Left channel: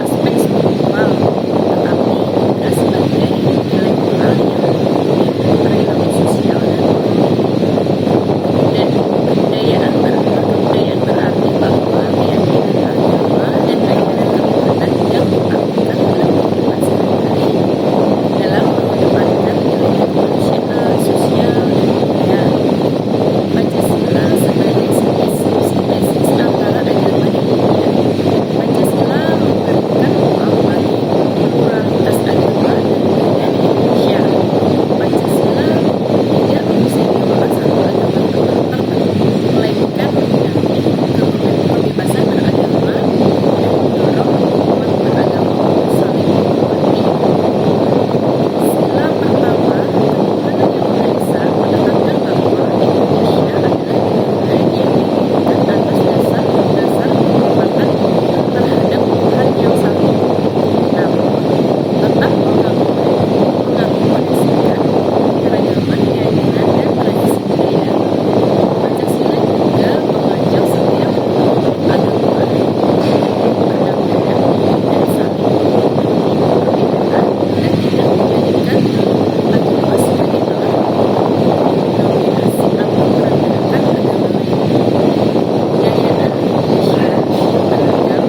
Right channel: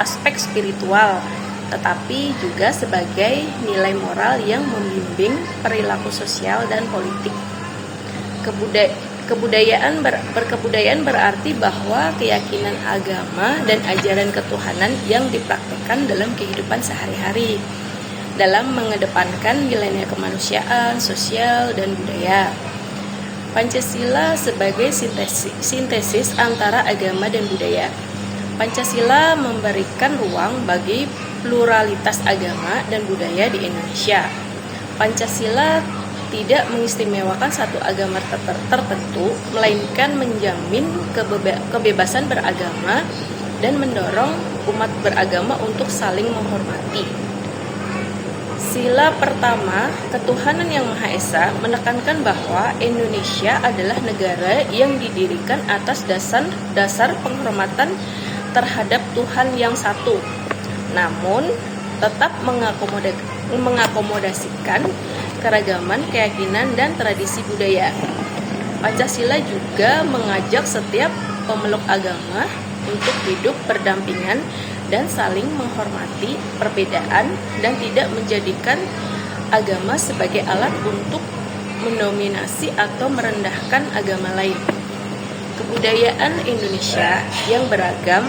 aspek spiritual, tetapi juga sebagai nilai moral yang membimbing perilaku sosial dan politik. Berkebudayaan berarti bahwa keyakinan agama dan ajaran ketuhanan yang dipraktikkan dalam kehidupan sehari-hari dalam mengedepankan nilai-nilai kemanusiaan, sosial, dan budaya. Pancasila sebagai sintesis antara agama dan budaya. Pancasila memberikan ruang bagi pluralitas agama dan budaya di Indonesia. Pancasila tidak mengistimewakan satu agama tertentu, melainkan menjamin kebebasan beragama dan mendorong umat beragama untuk saling menghormati. Sila pertama, ketuhanan yang Maha Esa, menekankan bahwa Indonesia adalah negara yang didirikan atas dasar penghormatan terhadap Tuhan yang satu, namun tetap mengakomodasikan keragaman keyakinan dan tradisi budaya. Pancasila juga mengajak setiap pemeluk agama untuk hidup berdampingan dan saling menghormati perbedaan dan tidak menjadikan agama sebagai alat untuk mendominasi atau merendahkan agama lain. Kebudayaan Indonesia yang beragam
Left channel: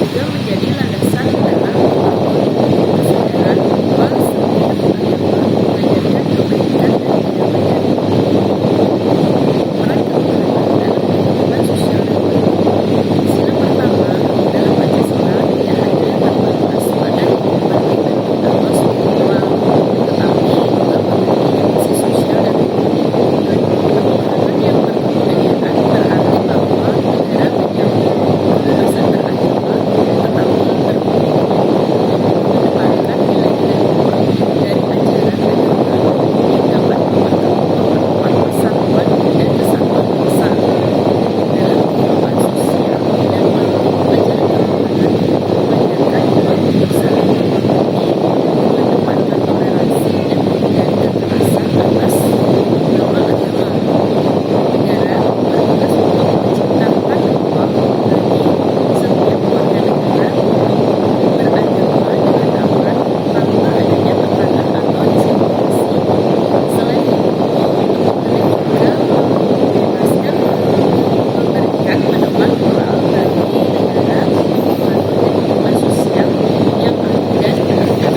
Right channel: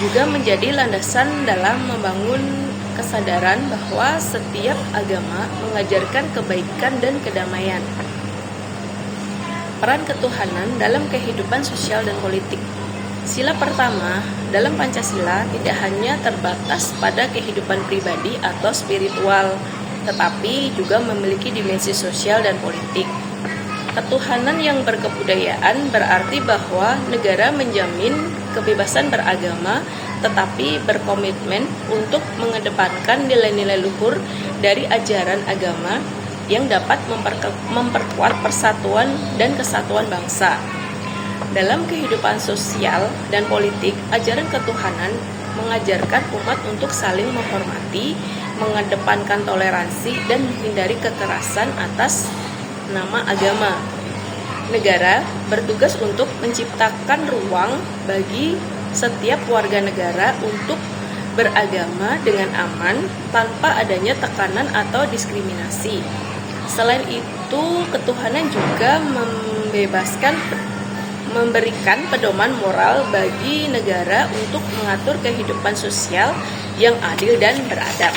juga menjadi landasan dalam membangun kesadaran bahwa setiap agama mengajarkan kebaikan dan kedamaian. Peran ketuhanan dalam kehidupan sosial dan politik. Sila pertama dalam Pancasila tidak hanya terbatas pada kehidupan pribadi atau spiritual, tetapi juga memiliki dimensi sosial dan politik. Ketuhanan yang berkebudayaan berarti bahwa negara menjamin kebebasan beragama, tetapi berkomitmen untuk mengedepankan nilai-nilai luhur dari ajaran agama yang dapat memperkuat persatuan dan kesatuan bangsa. Dalam kehidupan sosial dan politik, ajaran ketuhanan mengajarkan umat untuk saling menghormati, mengedepankan toleransi, dan menghindari kekerasan atas nama agama. Negara bertugas untuk menciptakan ruang bagi setiap warga negara untuk beragama dengan aman tanpa adanya tekanan atau diskriminasi. Selain itu, ketuhanan juga memberikan pedoman moral bagi negara untuk mengatur kehidupan sosial yang adil dan beradab.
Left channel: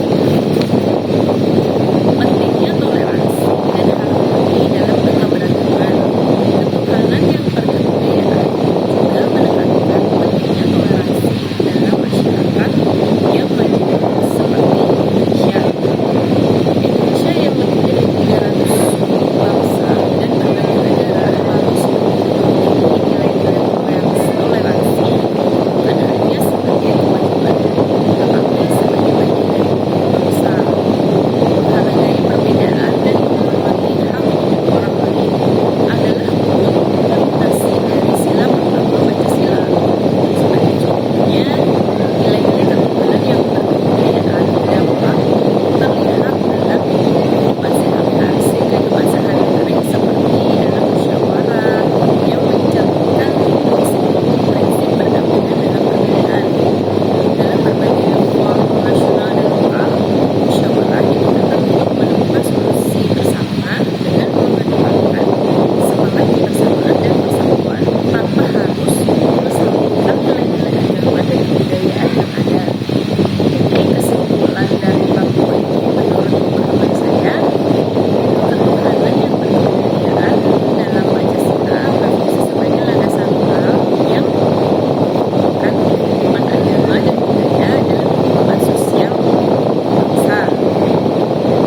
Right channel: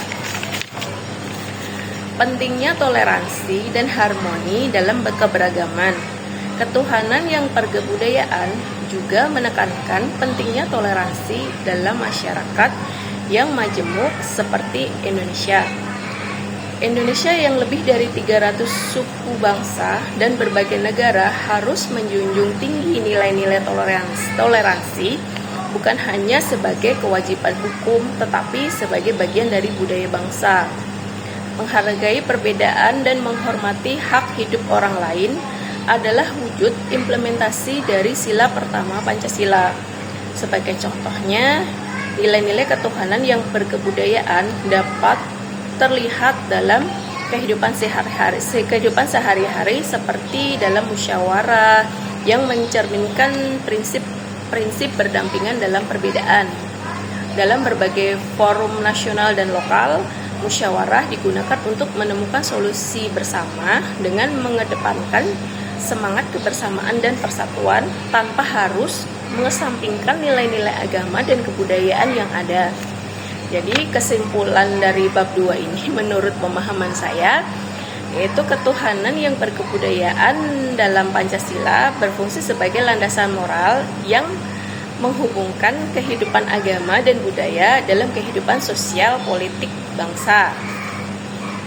Pentingnya toleransi dan harmoni dalam keberagaman. Ketuhanan yang berkebudayaan juga menekankan pentingnya toleransi dalam masyarakat yang majemuk seperti Indonesia. Indonesia yang lebih dari 300 suku bangsa dan berbagai negara harus menjunjung tinggi nilai-nilai toleransi bukan hanya sebagai kewajiban hukum, tetapi sebagai bagian dari budaya bangsa. Menghargai perbedaan dan menghormati hak hidup orang lain adalah wujud implementasi dari sila pertama Pancasila. Sebagai contohnya, nilai-nilai ketuhanan yang berkebudayaan dapat terlihat dalam kehidupan sehari-hari seperti dalam musyawarah yang mencerminkan prinsip berdampingan dalam perbedaan. Dalam berbagai forum nasional dan lokal, musyawarah digunakan untuk menemukan solusi bersama dengan mengedepankan semangat kebersamaan dan persatuan tanpa harus mengesampingkan nilai-nilai agama dan kebudayaan yang ada. Jadi kesimpulan dari bab 2 ini menurut pemahaman saya yaitu ketuhanan yang berkebudayaan dalam Pancasila berfungsi sebagai landasan moral yang menghubungkan kehidupan agama dan budaya dalam kehidupan sosial politik bangsa.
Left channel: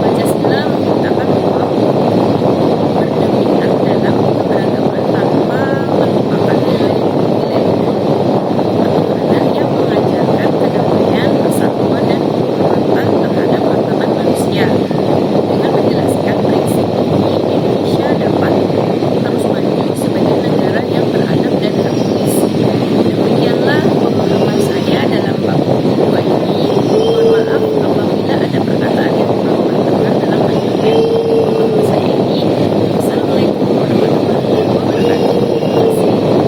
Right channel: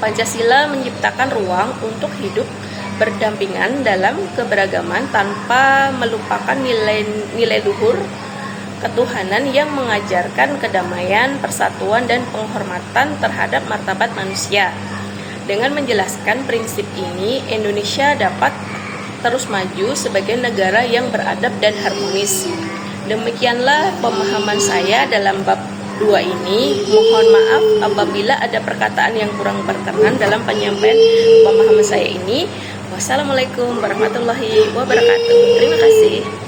Pancasila menciptakan ruang untuk hidup berdampingan dalam keberagaman tanpa melupakan nilai luhur ketuhanan yang mengajarkan kedamaian, persatuan, dan penghormatan terhadap martabat manusia. Dengan menjelaskan prinsip ini, Indonesia dapat terus maju sebagai negara yang beradab dan harmonis. Demikianlah pemahaman saya dalam bab 2 ini. Mohon maaf apabila ada perkataan yang kurang berkenan dalam penyampaian pemahaman saya ini. Wassalamualaikum warahmatullahi wabarakatuh. Terima kasih.